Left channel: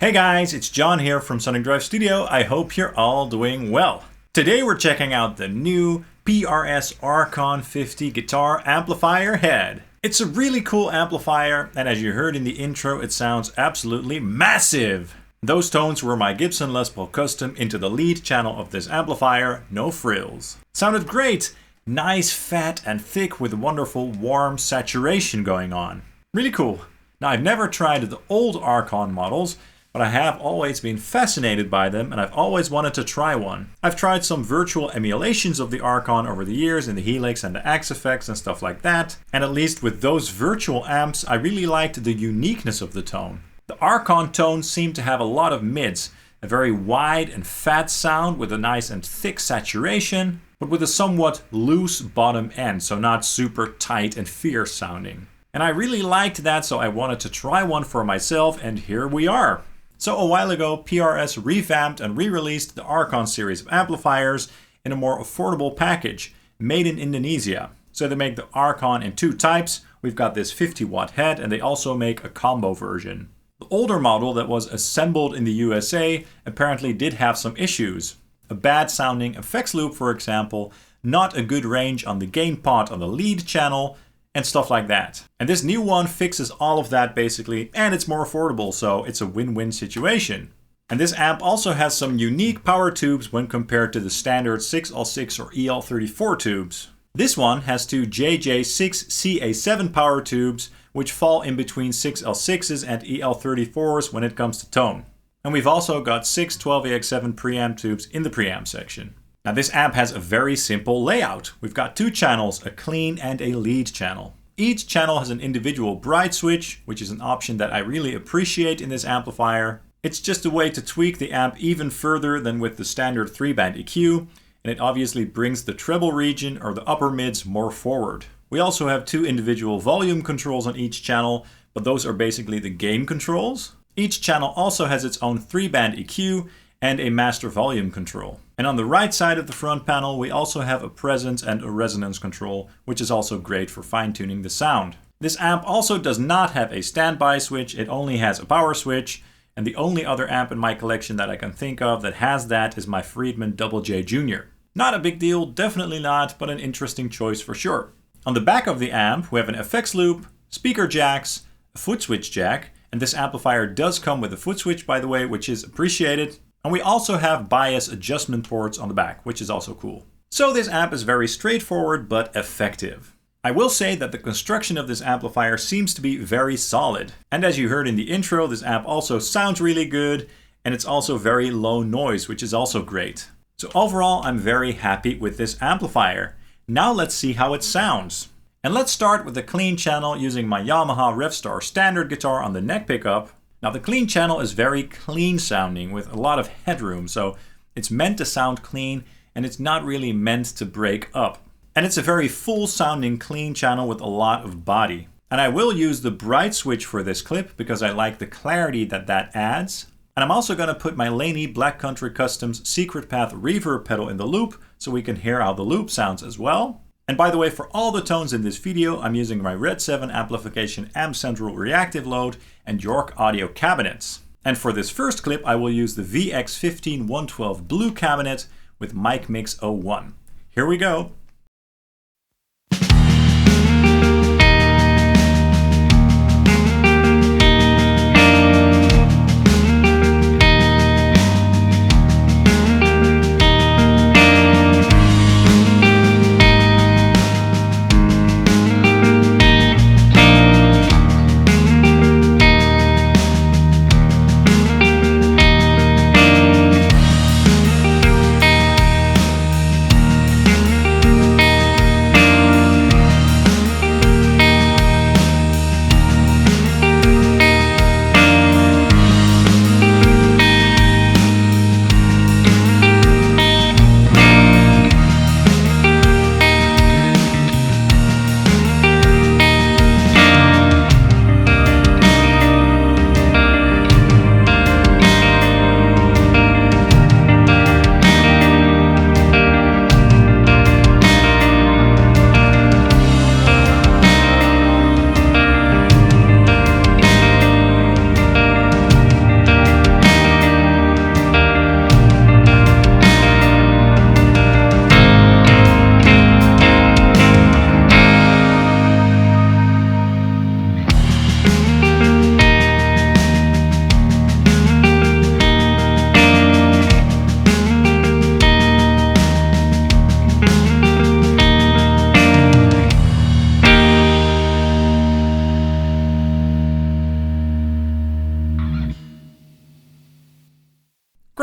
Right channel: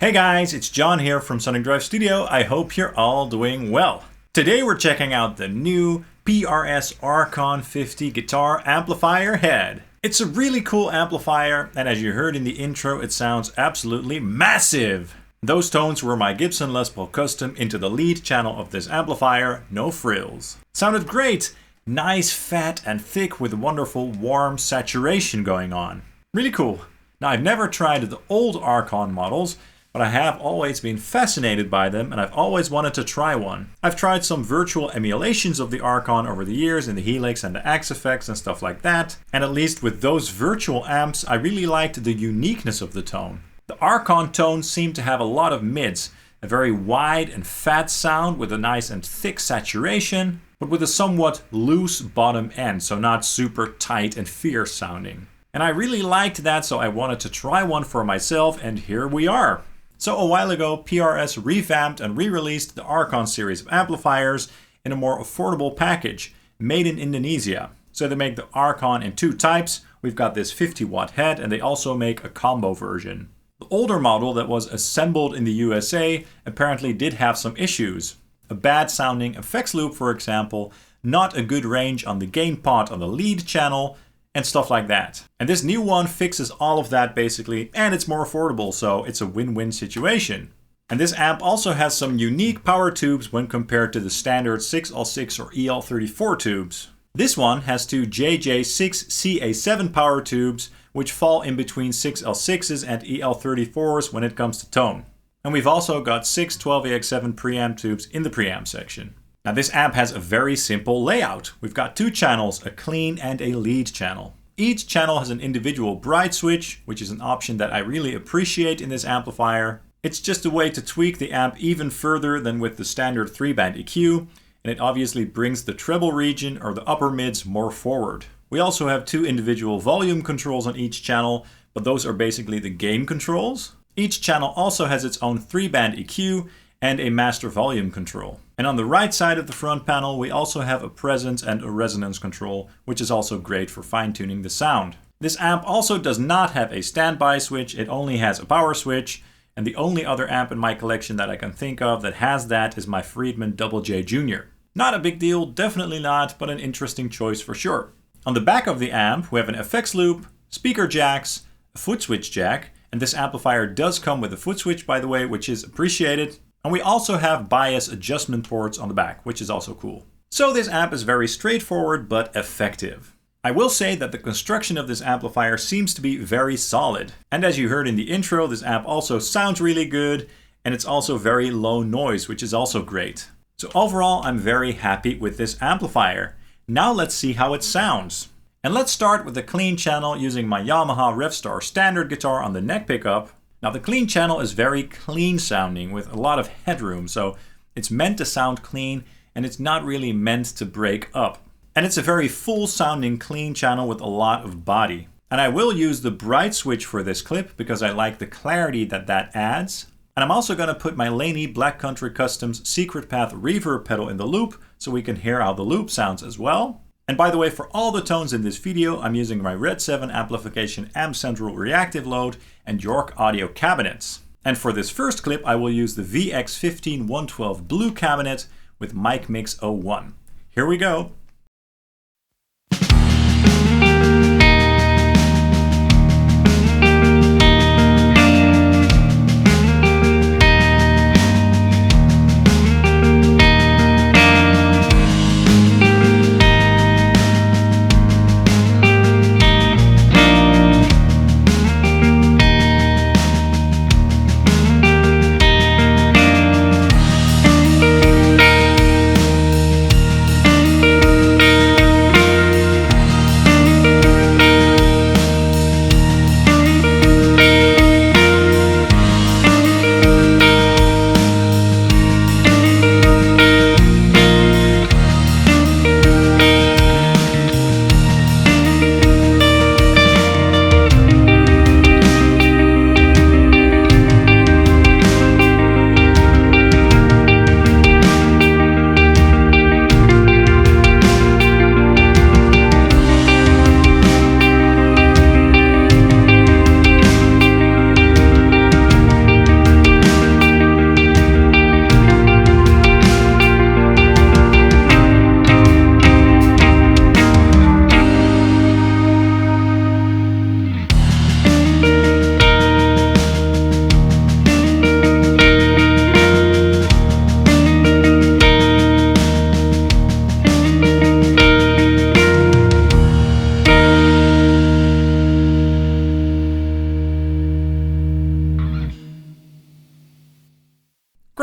Hey guys, it's John here from Sonic Drive Studio. I hope you're all doing well. Today we're checking out the new PRS Archon 50 guitar amplifier head. It's a really cool amplifier, and as you heard in the intro, it sounds absolutely massive. Those tones were my Gibson Les Paul Custom into the lead channel of this amplifier, no frills. Sounded great! Nice, fat and thick with wonderful warm saturation going on. Really cool. Now I've never tried the old Archon models, but I have always been fascinated by them and I've always wanted to try one. I've tried some virtual emulations of the Archon over the years in the Helix and the Axe effects and stuff like that, and at least with those virtual amps I really liked the uniqueness of the tone. The Archon tones seem to have a lot of mids, a very wide and fat sound with a nice and thick saturation, but with a somewhat loose bottom end, so not super tight and fierce sounding. And I really liked that, so I wanted to try one for myself, and here we are. So a while ago, PRS revamped and re-released the Archon series of amplifiers in a more affordable package, made in Indonesia. So they make the Archon in two types. We've got this 50-watt head, and they also make a combo version. The older model that was assembled in the USA apparently did have some issues. A bad sounding effects loop, for example, not a good range on the gain pot on the lead channel, and stuff like that. And this new one fixes all of that basically, and it's more affordable, so it's a win-win situation. And this amp also has some unique power tubes when compared to the standard 6L6 or EL34 tubes. This one has two JJ6CA7 power tubes, which fall in between 6L6s and EL34s when it comes to tone. And we've also got 6 12AX7 preamp tubes in the preamp section. Now this amp has a very simple layout. We've got two channels, a clean and a lead channel. Each channel has an individual bright switch, which is an option that I really appreciate in this amplifier. It's just a way to tweak the amp even further than with the standard 3-band EQ, and it obviously brings the treble region or the upper mids more forward. We also have two individual volume controls on each channel, but those are basically the gain controls. Each channel also has its own 3-band EQ and a master volume control. And on the right side of the front panel, we also have a presence and a resonance control, which is also great for fine-tuning the sound. This amp also does not have a standby switch, it only has a power switch, and the only other amp in my collection that I can think of that has that is my Friedman Double J Jr. Not a big deal, definitely not, but an interesting choice for sure. On the back of the amp, we have an effects loop, speaker jacks, a foot switch jack, and this amplifier does come with a foot switch, by the way, which is appreciated. And we also have bias adjustment ports on the back, which is also cool. So this amp is very straightforward but effective. I will say that the construction of this amplifier seems to be very solid. And as you heard in the intro, this amp also sounds really good, and it's also very low noise, which is also great. So overall, I'm very happy with this amplifier. Now let's see how it sounds. And let's start with the clean channel using my Yamaha Revstar standard guitar on the neck pickup. Now the clean channel is very clean sounding with a lot of headroom, so it's meant to sound clean and it's not really meant to break up. And it's a very full sounding clean channel with a lot of body. And I will use the bright switch for this clip because I like the clarity that that adds. And I'm also going to put my Laney Black Country Customs Secret Path reverb pedal in the loop so we can hear how the loop sounds as well. And by the way, for all the tones in this video, I'm using my RedSeven Amplification Amp Central Reactive Load and York Audio cabinets. And for this first clip, I will use the VX15112 Blue cabinet with Mic Mix 01. Here we go.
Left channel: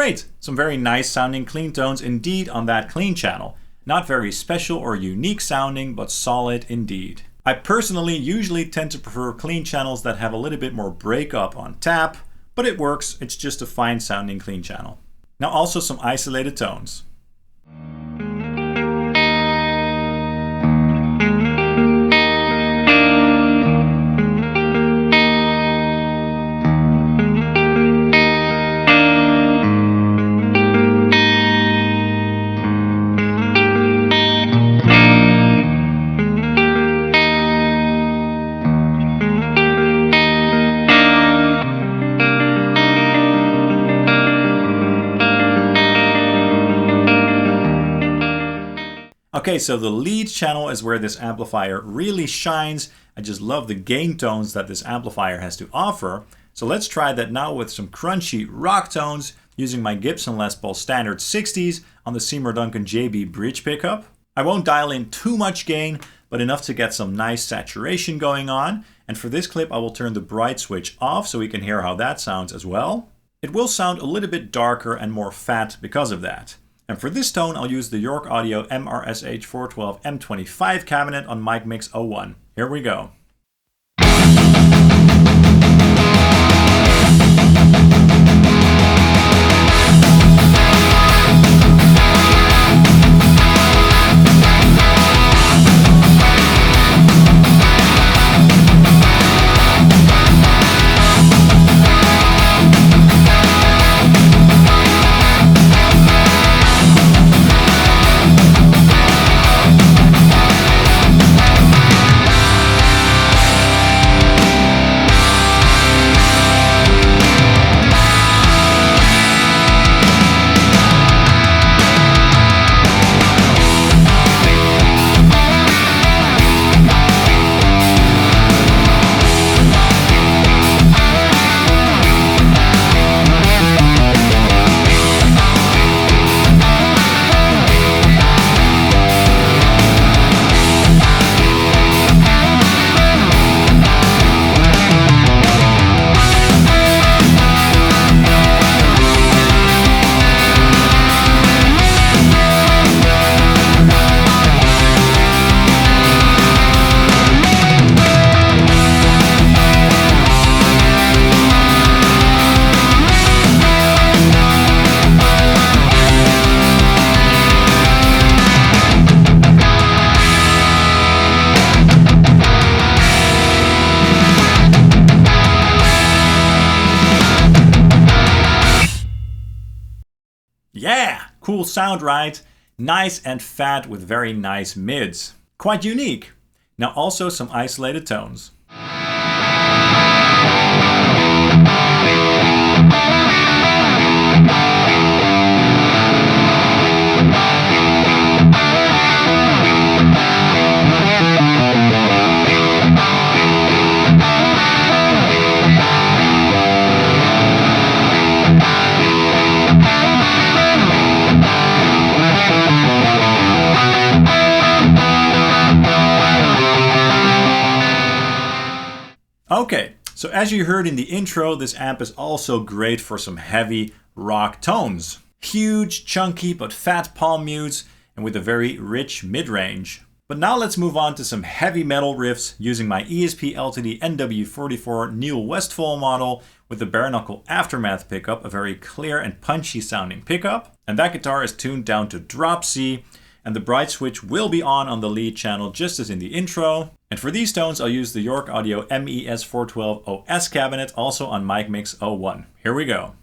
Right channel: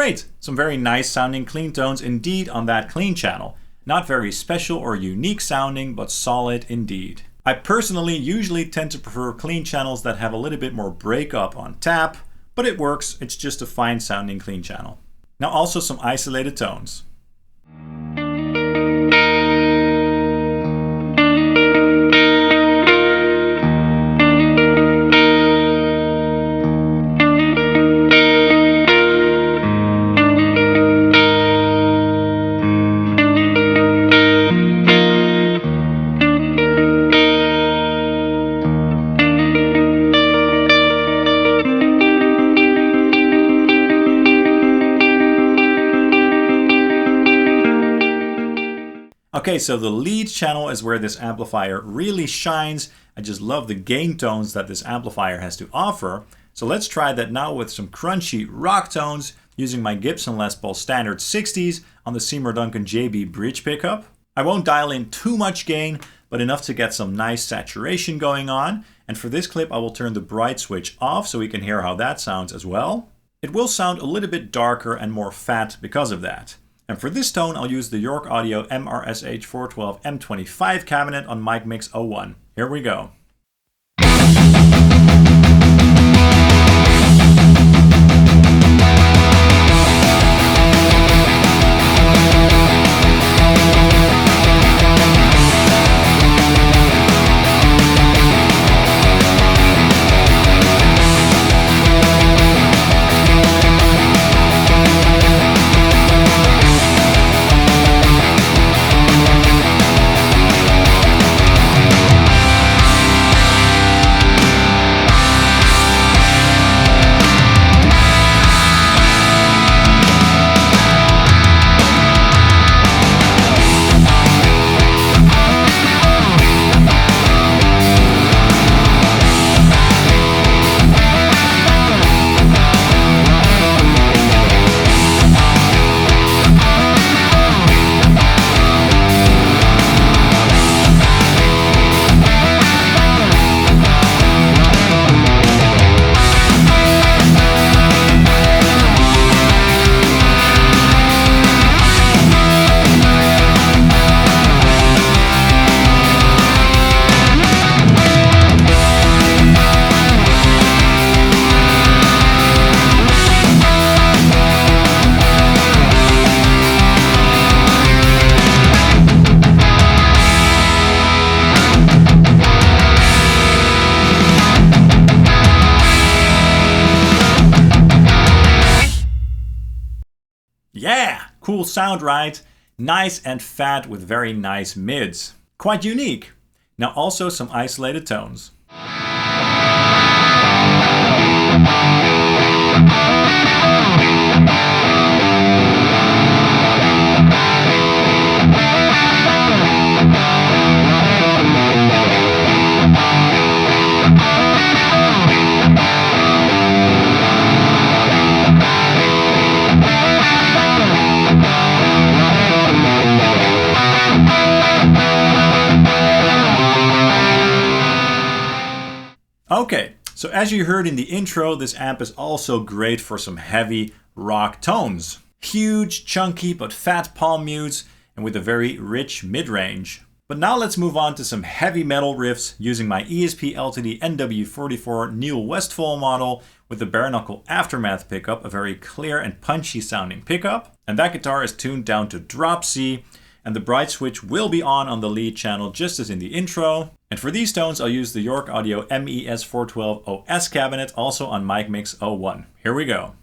great. Some very nice sounding clean tones indeed on that clean channel. Not very special or unique sounding, but solid indeed. I personally usually tend to prefer clean channels that have a little bit more breakup on tap, but it works. It's just a fine sounding clean channel. Now also some isolated tones. Okay, so the lead channel is where this amplifier really shines. I just love the gain tones that this amplifier has to offer. So let's try that now with some crunchy rock tones using my Gibson Les Paul Standard 60s on the Seymour Duncan JB bridge pickup. I won't dial in too much gain, but enough to get some nice saturation going on. And for this clip, I will turn the bright switch off so we can hear how that sounds as well. It will sound a little bit darker and more fat because of that. And for this tone, I'll use the York Audio MRSH 412 M25 cabinet on Mic Mix 01. Here we go. Yeah, cool sound, right? Nice and fat with very nice mids. Quite unique. Now also some isolated tones. Okay, so as you heard in the intro, this amp is also great for some heavy rock tones. Huge, chunky, but fat palm mutes, and with a very rich mid-range. But now let's move on to some heavy metal riffs using my ESP LTD NW44 Neil Westfall model with the bare knuckle Aftermath pickup, a very clear and punchy sounding pickup. And that guitar is tuned down to drop C, and the bright switch will be on the lead channel just as in the intro. And for these tones, I'll use the York Audio MES 412 OS cabinet, also on Mic Mix 01. Here we go.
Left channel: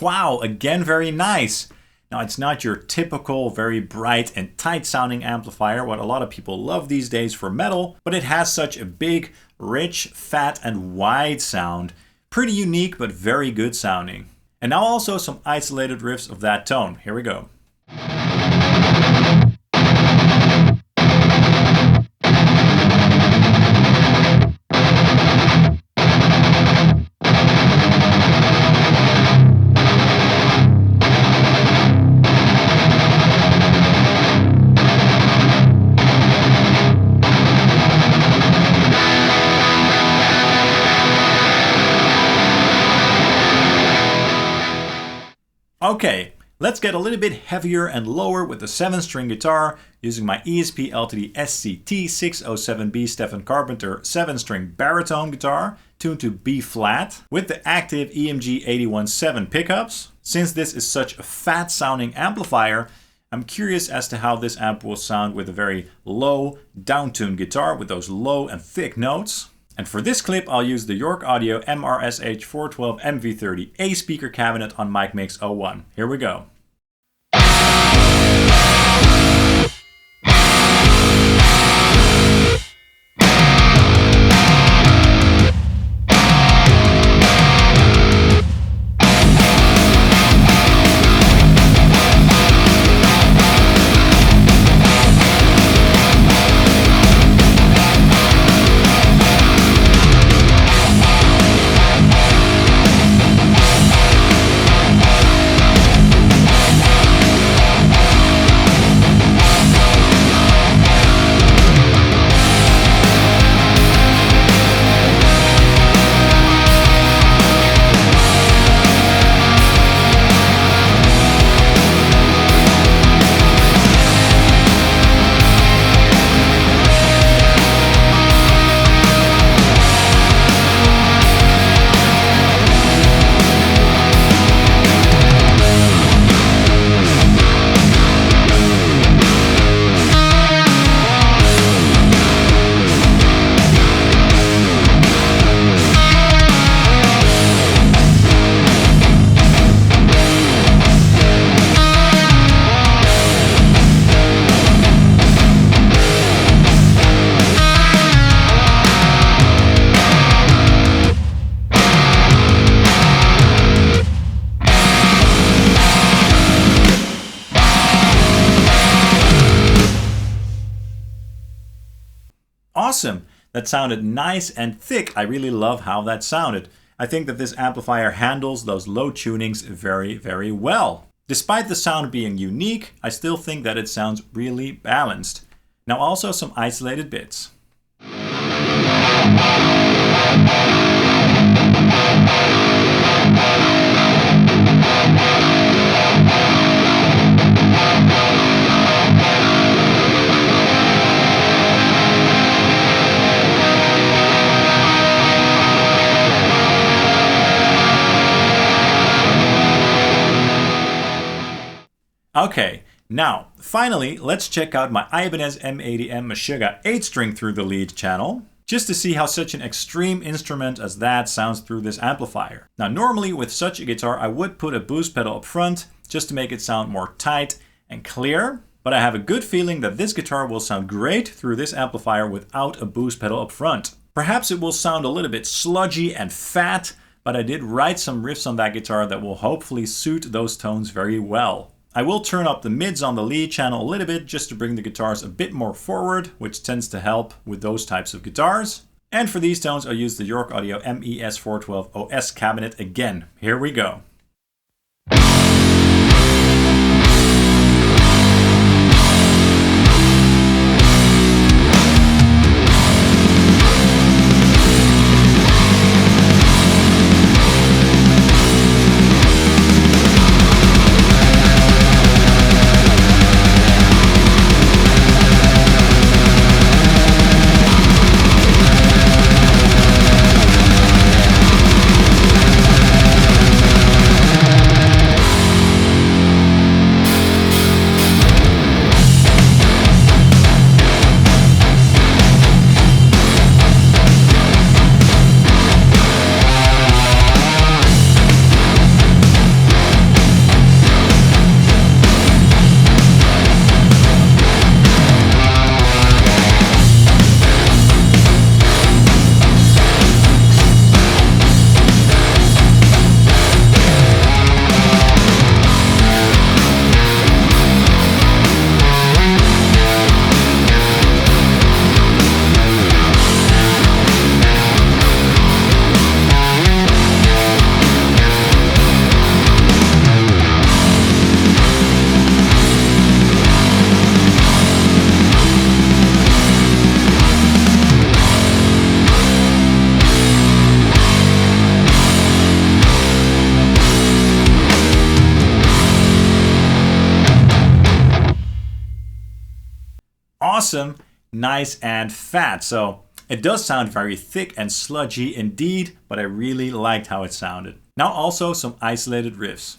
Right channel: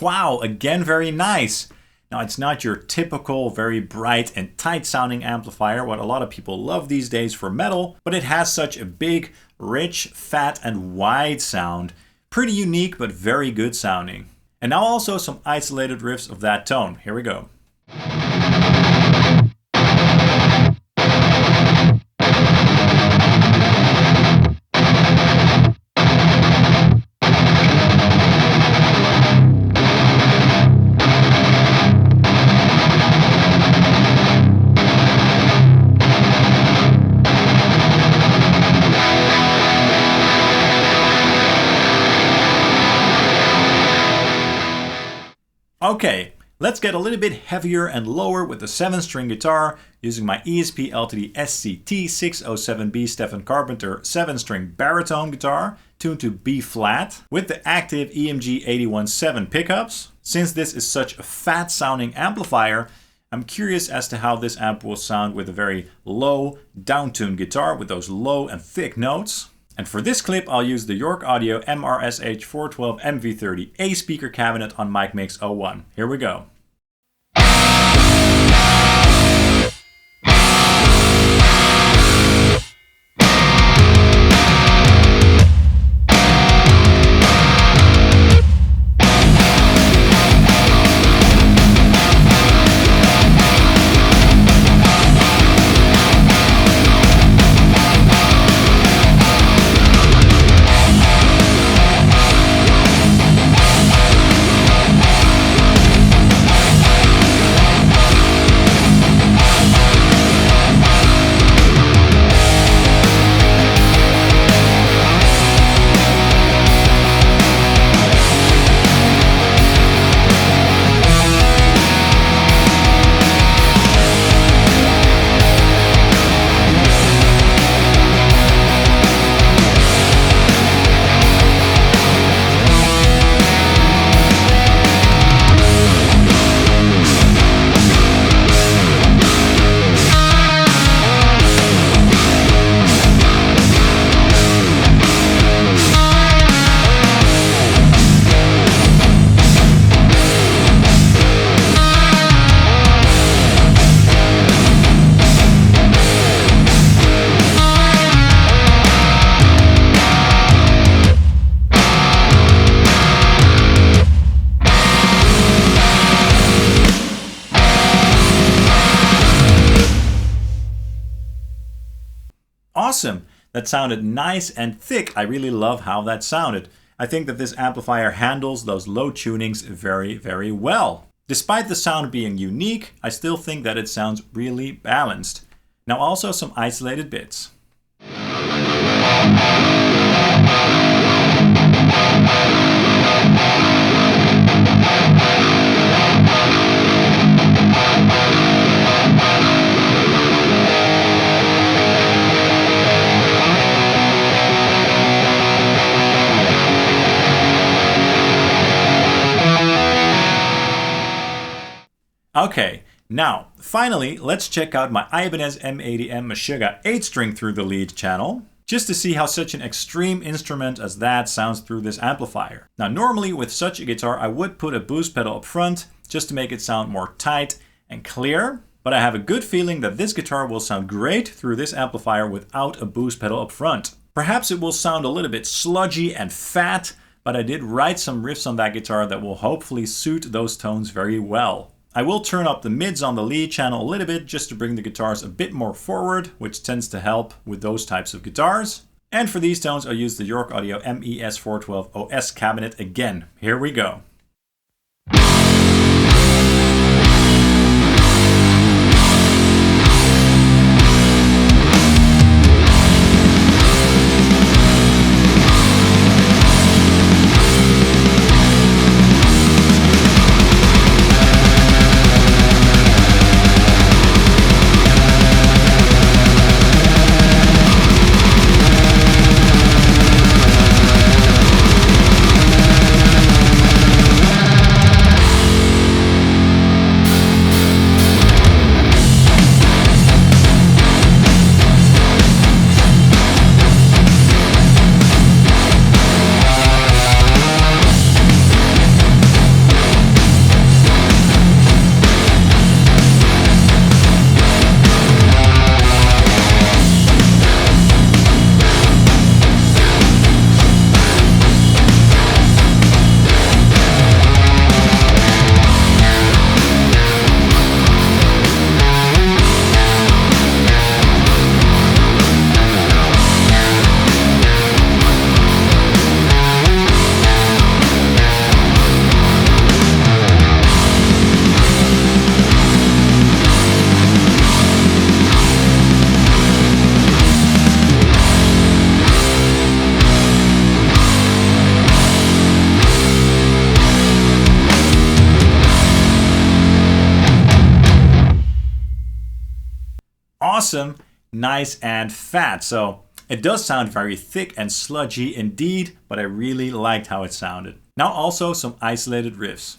Wow, again very nice. Now it's not your typical very bright and tight sounding amplifier, what a lot of people love these days for metal, but it has such a big, rich, fat and wide sound. Pretty unique but very good sounding. And now also some isolated riffs of that tone. Here we go. Okay, let's get a little bit heavier and lower with the 7-string guitar using my ESP LTD SCT-607B Stephen Carpenter 7-string baritone guitar tuned to B flat with the active EMG 817 pickups. Since this is such a fat sounding amplifier, I'm curious as to how this amp will sound with a very low down-tuned guitar with those low and thick notes. And for this clip, I'll use the York Audio MRSH 412 MV30A speaker cabinet on Mic Mix 01. Here we go. Awesome! That sounded nice and thick. I really love how that sounded. I think that this amplifier handles those low tunings very, very well. Despite the sound being unique, I still think that it sounds really balanced. Now also some isolated bits. Okay, now, finally, let's check out my Ibanez M80M Meshuggah 8-string through the lead channel, just to see how such an extreme instrument as that sounds through this amplifier. Now, normally with such a guitar, I would put a boost pedal up front, just to make it sound more tight and clear, but I have a good feeling that this guitar will sound great through this amplifier without a boost pedal up front. Perhaps it will sound a little bit sludgy and fat, but I did write some riffs on that guitar that will hopefully suit those tones very well. I will turn up the mids on the lead channel a little bit just to bring the guitars a bit more forward, which tends to help with those types of guitars. And for these tones, I'll use the York Audio MES 412 OS cabinet again. Here we go. awesome, nice and fat. So it does sound very thick and sludgy indeed, but I really liked how it sounded. Now also some isolated riffs.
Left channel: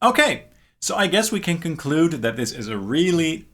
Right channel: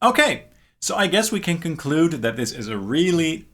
Okay, so I guess we can conclude that this is a really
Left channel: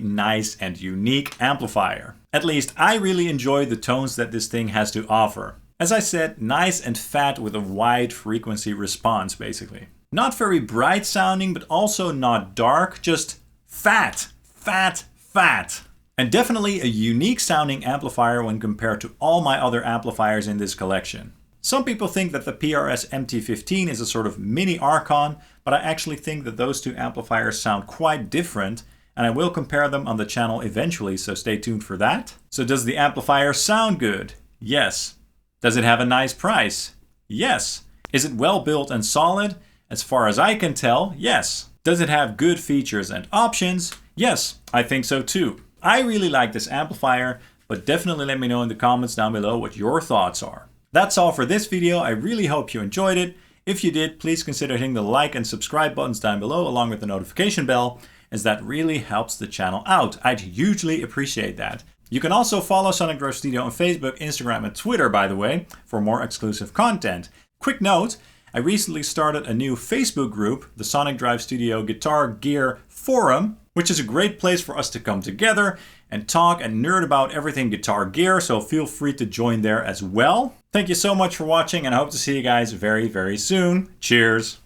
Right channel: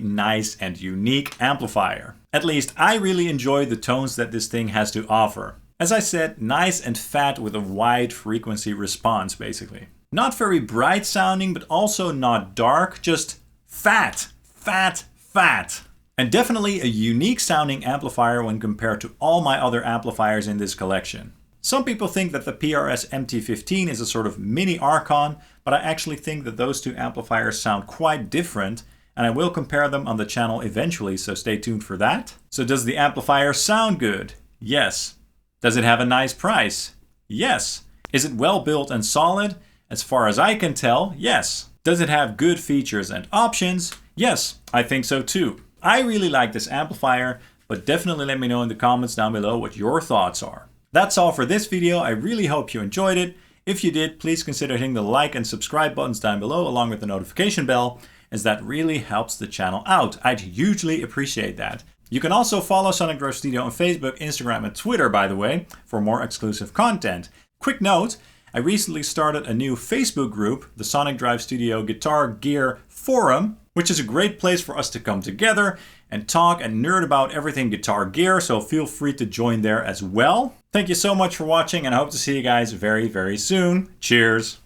nice and unique amplifier. At least I really enjoy the tones that this thing has to offer. As I said, nice and fat with a wide frequency response basically. Not very bright sounding, but also not dark, just fat. And definitely a unique sounding amplifier when compared to all my other amplifiers in this collection. Some people think that the PRS MT15 is a sort of mini Archon, but I actually think that those two amplifiers sound quite different, and I will compare them on the channel eventually, so stay tuned for that. So does the amplifier sound good? Yes. Does it have a nice price? Yes. Is it well built and solid? As far as I can tell, yes. Does it have good features and options? Yes, I think so too. I really like this amplifier, but definitely let me know in the comments down below what your thoughts are. That's all for this video. I really hope you enjoyed it. If you did, please consider hitting the like and subscribe buttons down below along with the notification bell, as that really helps the channel out. I'd hugely appreciate that. You can also follow Sonic Drive Studio on Facebook, Instagram, and Twitter, by the way, for more exclusive content. Quick note, I recently started a new Facebook group, the Sonic Drive Studio Guitar Gear Forum, which is a great place for us to come together and talk and nerd about everything guitar gear, so feel free to join there as well. Thank you so much for watching, and I hope to see you guys very soon. Cheers!